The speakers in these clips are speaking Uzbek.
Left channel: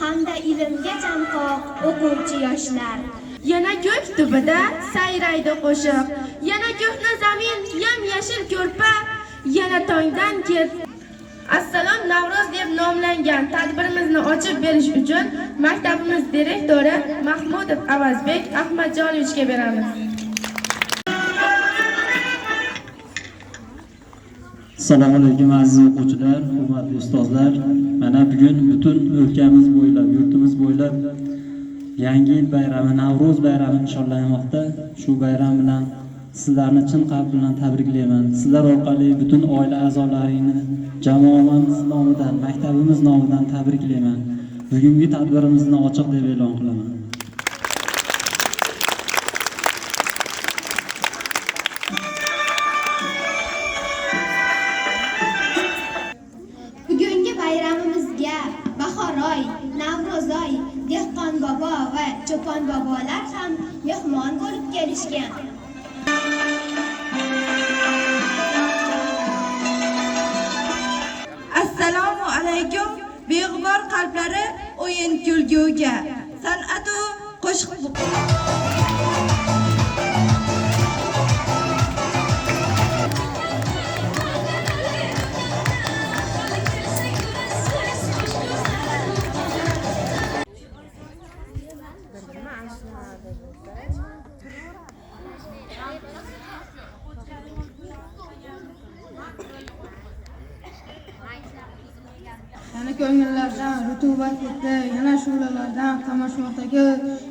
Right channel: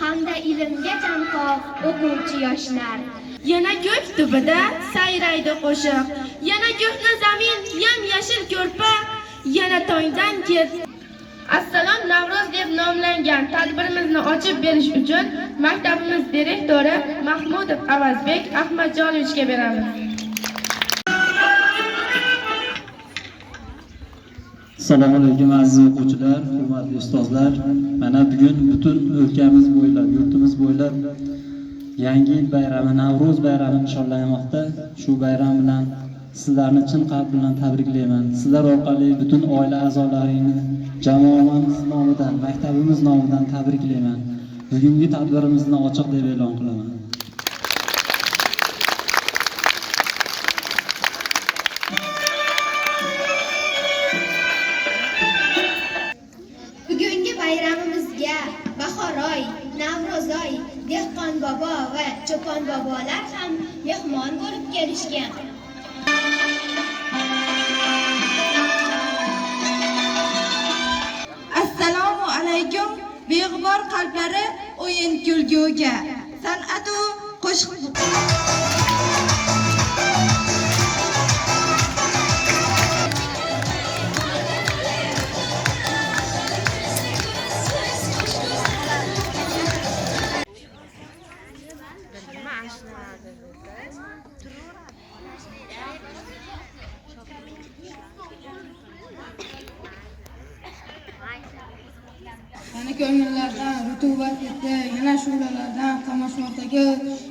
hamda ilmga chanqoq o'quvchi yoshlar. Yana ko'k tubida sayraydi qo'shiq, yana ko'hna zamin, yam-yashil ko'rpa, yana tongdan ket. Assalom Navro'z deb nomlangan tadbirimizni ochib berish uchun maktabimiz direktori Mahmudov Avazbek Ahmadjonovichga beramiz. Assalomu alaykum aziz o'quvchilar, hurmatli ustozlar. Mana bugun butun o'lkamiz bo'ylab, yurtimiz bo'ylab yangi yil bayrami, Navro'z bayrami nishonlanmoqda. Shu bayram bilan sizlarni chin qalb bilan tabriklayman. Sizlar orqali butun oila a'zolaringni jamoamiz nomidan, maktabimiz nomidan tabriklayman. Bugungi tadbirimizni ochiq deb e'lon qilaman. Bugungi bayramimizga Bahoroy, Navro'zoy, Dehqon bobo va Cho'pon bobolar ham mehmon bo'lib kelishgan. Assalomu alaykum beg'ubor qalblari o'yin kulguga san'atu qo'shiq Yana ko'ngillardan rutubat ketdi, yana shu'lalardan qamashmoqdagi,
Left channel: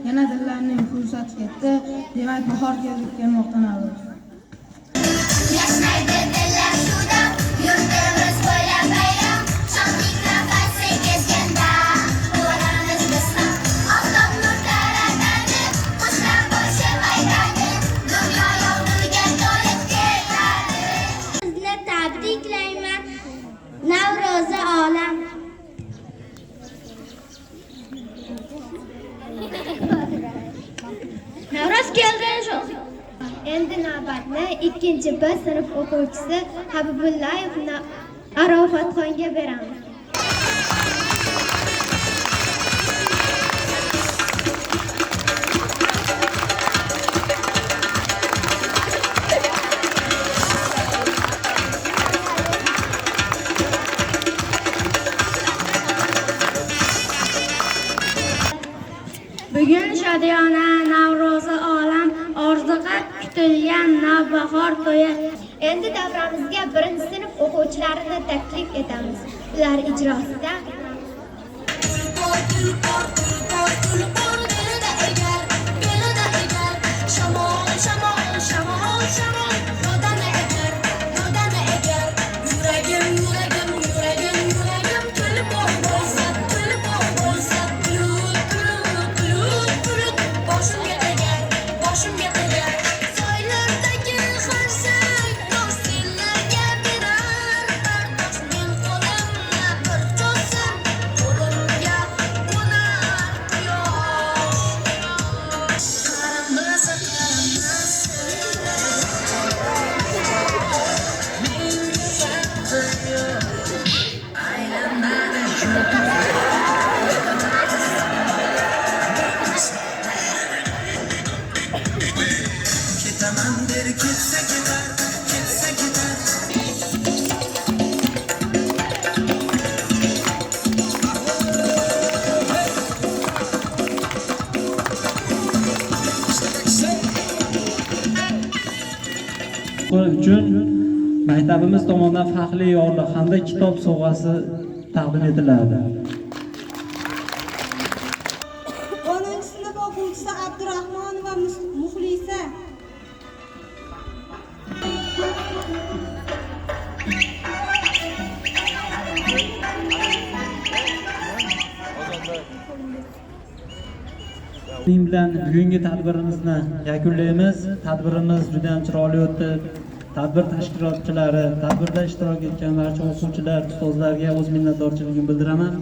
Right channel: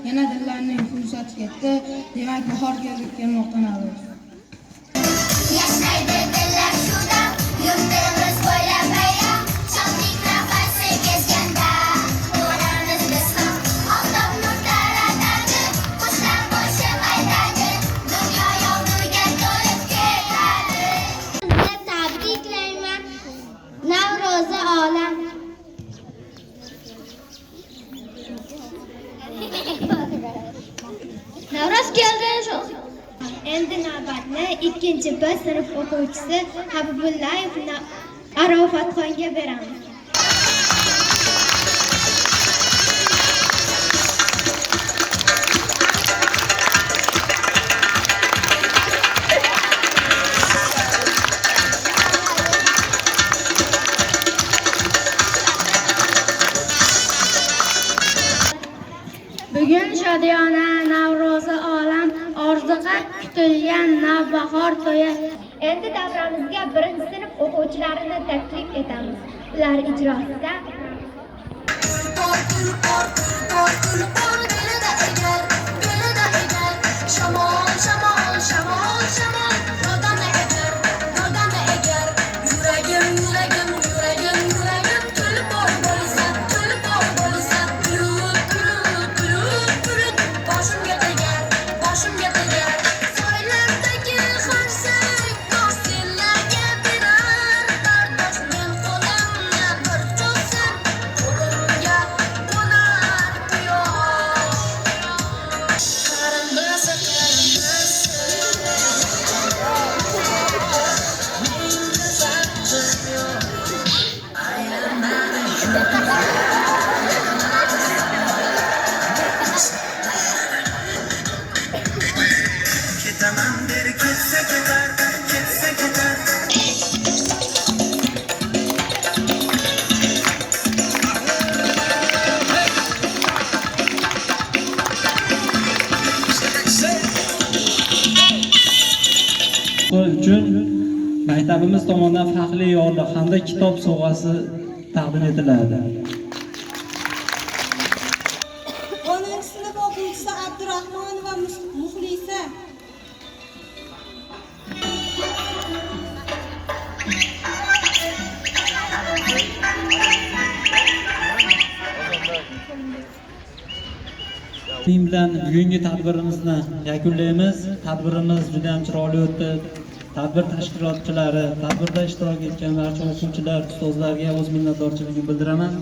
yana dillarning fursati ketdi. Demak, bahor kelmoqda Navro'z. Yashnaydi dillar suvda, yurtimiz bo'ylab bayram, shodlik nafasi kezganda, duolarimiz bismillah, oftob nur taratadi, qushlar qo'shib aytadi, dunyo yog'duga to'lib ketadi. Sizga tabriklayman, Navro'zi olam. Navro'z keldi shu. Endi navbatni 2-B sinf o'quvchisi Habibullayev Arofatxonga beramiz. Bugun shodiyona Navro'zi olam, orzuga kutilgan navbahor to'yi. Endi davramizga 1-sinf o'quvchilarini taklif etamiz. Ular ijrosida Shamol, shamol, shamol, shamol, rodana egar, yuragim, yuragim, yuragim, yuragim, kulib bo'lsa, bulut, boshimga tegar, soylardagi xorsak, do'stlarga berar, bardosh men qo'limni bir cho'zsam, qo'limga qo'nar quyosh. uchun maktabimiz tomonidan faxriy yorliq hamda kitob sovg'asi taqdim etiladi. 10-sinf o'quvchisi Abdurahmonova Muxlisa. Shuning bilan bugungi tadbirimizni yakunlaymiz. Tadbirimiz juda ham chiroyli o'tdi. Tadbir tashkilotchilari, tadbirda ishtirok etgan barcha o'quvchilar, ustozlarga o'z minnatdorchiligimni bildiraman.